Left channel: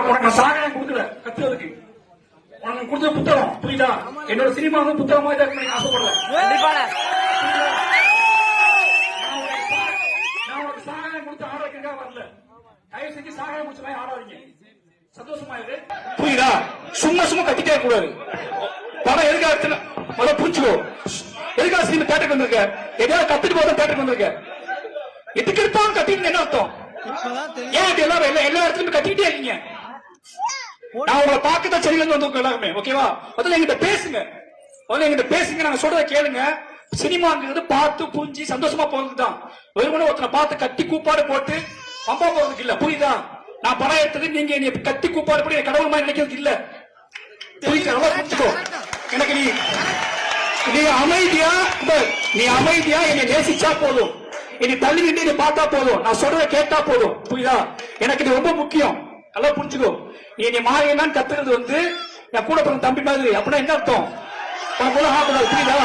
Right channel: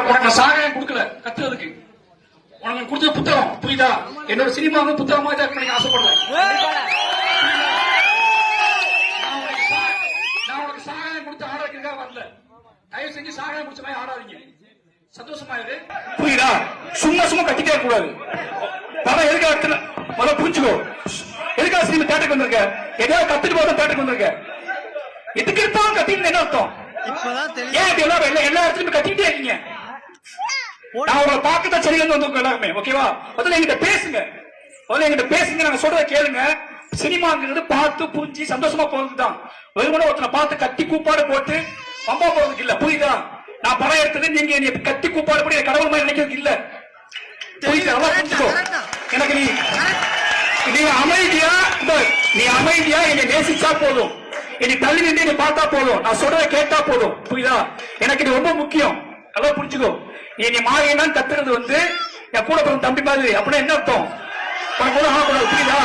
உனக்கு சகாயம் கொடுக்கல கத்துறதுக்கு. உனக்கு கொடுத்த புத்தகம் புரியுதா? என்னோட சினிமாவும் புத்தகமா தான் எனக்கு ஆசைப்படல. நான் உனக்கு சகாயம் கொடுத்து ஆடாதுக்காக வரல. தயவு செஞ்சு சகாயம் கொடுத்த மாதிரி ஆடாதீங்க. சந்தோஷமா இருக்கு புரியுதா? சும்மா சும்மா கத்திட்டே கூடாது. படம் எதுக்காக முதல்ல புரிஞ்சுக்கோ. எதுக்காக சினிமா தேட்டருக்கு வந்திருக்க? ஏதாவது கத்துட்டு போதும் தேட்டருக்கு வந்திருக்க. எதுக்கு இருந்தாலும் கத்திட்டு என்ன அர்த்தம்? ஏன் எல்லா இடத்துலயும் கத்திக்கிட்டே இருக்கீங்க? நான் உங்களை பார்க்கத்தான் சரியில்லை வந்து எல்லாருமே ஓகேவா? முதல்ல எங்கிட்ட பேசுங்க. முதல்ல எங்கிட்ட பேசுங்க. நாங்க சொல்றத கேளுங்க. சினிமாங்கிறது பார்த்து புரிஞ்சு சந்தோஷமா போறதுதான். ஒரு முறை ஒருத்தனை பார்த்து கத்தி கூப்பாடு போட்டு அம்மா போறதுக்கு இல்ல. புரியுதா? நான் படம் எடுத்தது நீங்க என்னை கத்தி கூப்பாடு போட்டு கடவுள் மாதிரி நினைக்கிறதுக்கு இல்ல. எனக்கு நீ அமைதியா என்னை நேசிச்சா போதும். என்னை தள்ளி நின்று என்னை பார்த்தா போதும். நான் சொல்றத கேட்டா போதும். புரியுதா? எனக்கு இது ரொம்ப முக்கியம். நல்லா புரிஞ்சுக்கோ. நீ மாறினான்னு கத்துறது வந்து என் கூட பிறந்த தம்பி மாதிரி அப்படின்னா என்ன அர்த்தம்? புரியுதா?